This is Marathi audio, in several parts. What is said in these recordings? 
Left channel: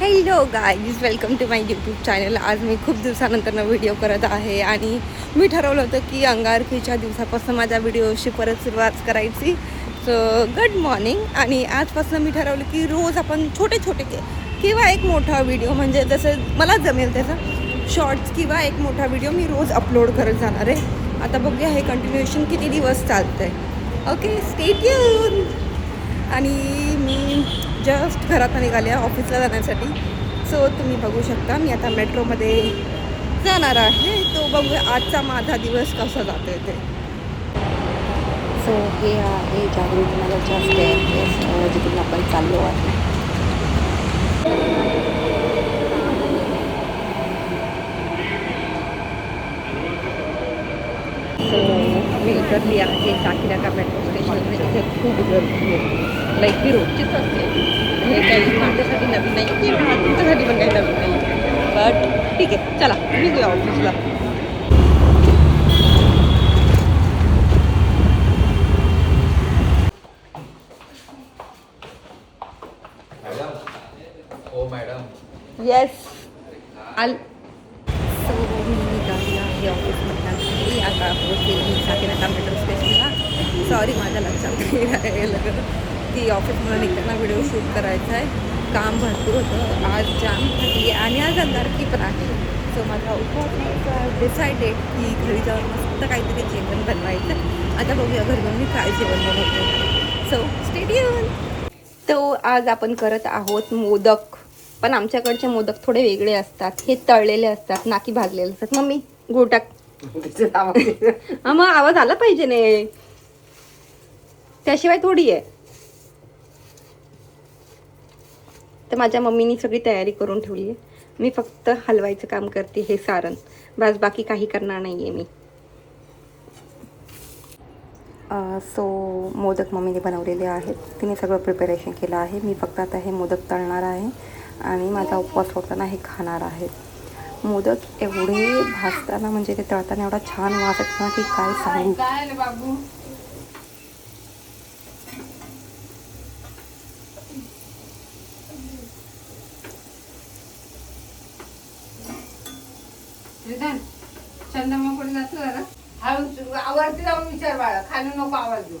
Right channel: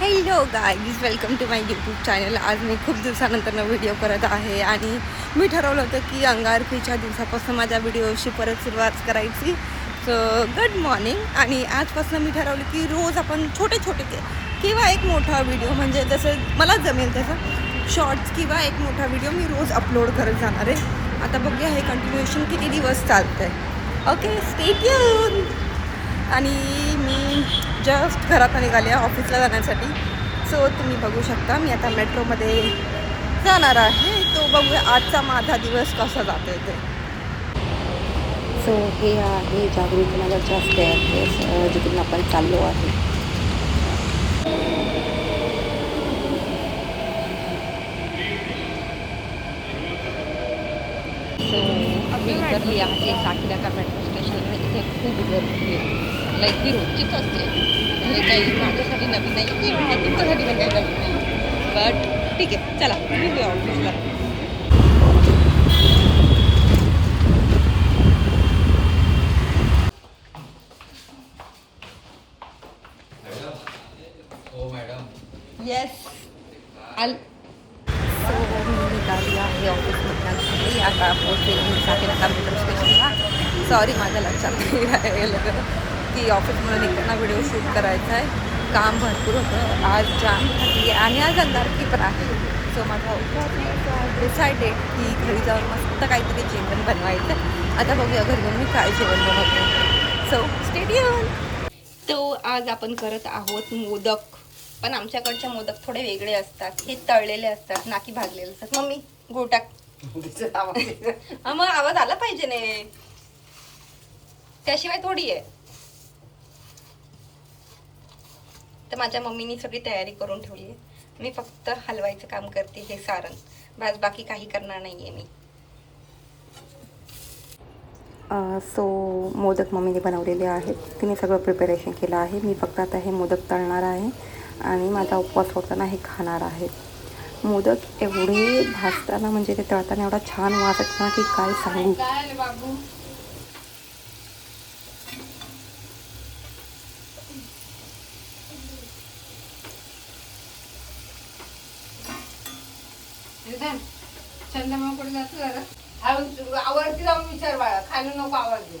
Hello guys, welcome to my YouTube channel. आज मी खूप दिवसानंतर व्हिडिओ करत आहे आणि मी ठरवलं होतं की अंगारकीच्या दिवसापासून माझ्या व्हिडिओशी परत सुरुवात करायची. So good morning. आणि आजपासून मी ठरवलं की रोज आपण छोटे छोटे किंवा एक मोठा व्हिडिओ, म्हणजे जसं मला जमेल तसं शॉर्ट्स किंवा एक मोठा व्हिडिओ मी रोज अपलोड करत जाणार आहे. आता बघूया हे कंटिन्युएशन किती दिवस चालतंय. Okay, stay tune. आणि मी जस्ट घरात निघाले ऑफिसला जाण्यासाठी. सो तुम्ही बघू शकता मी आता मेट्रोमध्ये जाणार आहे. तो बघूया आजचा माझा दिवस कसा जातो ते. सो हे आहे जागृतीनगरच्या स्टेअरकेस, जिथून आपण चाललो आहे. सो मी उतरली आहे साकीनाका मेट्रो स्टेशन. इथे खूप गर्दी आहे, लाईक ही रोजचीच असते. हे काही माझ्यासाठी नवीन नाही किंवा तुमच्यासाठी पण काही नवीन नाही, बट ठीक आहे, चला निघूया ऑफिसला. येस आल. सो मी निघाली आहे ऑफिसमध्ये. आता पोहोचली मी साकीनाका मेट्रो स्टेशनला. सॉरी, माझ्या लक्षात नाही राहिलं की ऑफिसमध्ये निघताना व्हिडिओ शूट करायचा आहे. काम भरपूर होतं आज, जाम झाली आणि आज अंगारकी पण आहे. सो माझा उपवास डिसाइडेड की घरी जाऊन मस्त काहीतरी जेवण बनवायचं. आता बघूया घरी जाऊन मी काय जेवण बनवतो. So stay tune. तो आज आपण करत आहोत मोदक. पण आमच्याकडचे मोदक थोडे वेगळे असतात. हे तळलेले असतात, ना की भाजलेले असतात. मम्मी गुळ टाक. मग आवाज आला पाहिजे ने, त्याशिवाय थोडी आहे. तर माझ्या मम्मीनी सगळी तयारी करून ठेवली आहे. मी फक्त हलवायचं काम करते, हे सारण बस, बाकी काही करणार नाही आहे मी. सो मोदक मम्मीने बनवलेले आहेत. तिने सगळं प्रिपरेशन केलं आहे. मी फक्त आता हे मोदक तळणार आहे आणि माझा उपवास सोडताना हे खाणार आहे. मोदक एवढे भाजताना, म्हणजे ते तळताना एवढा छान वास येतो ना की काय सांगू. चंदमाकडे जातो जरा आवाज जाऊन विचार बाळा, खाली नको आवाज देऊ.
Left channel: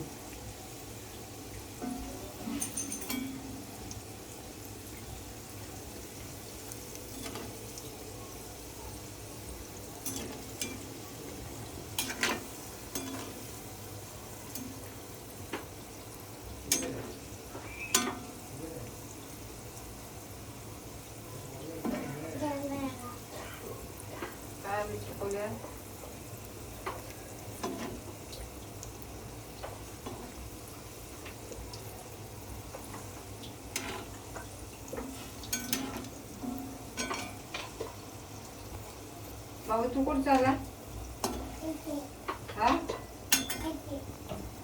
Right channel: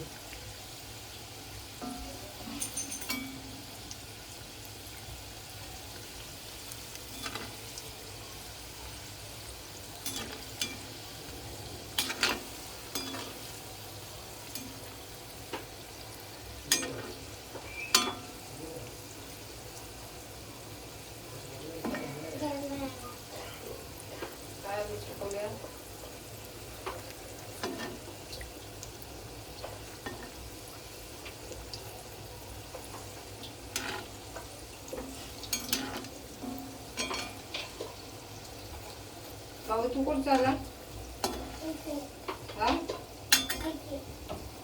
बाबू तू कुठं चालला?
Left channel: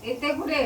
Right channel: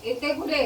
येते कुठे?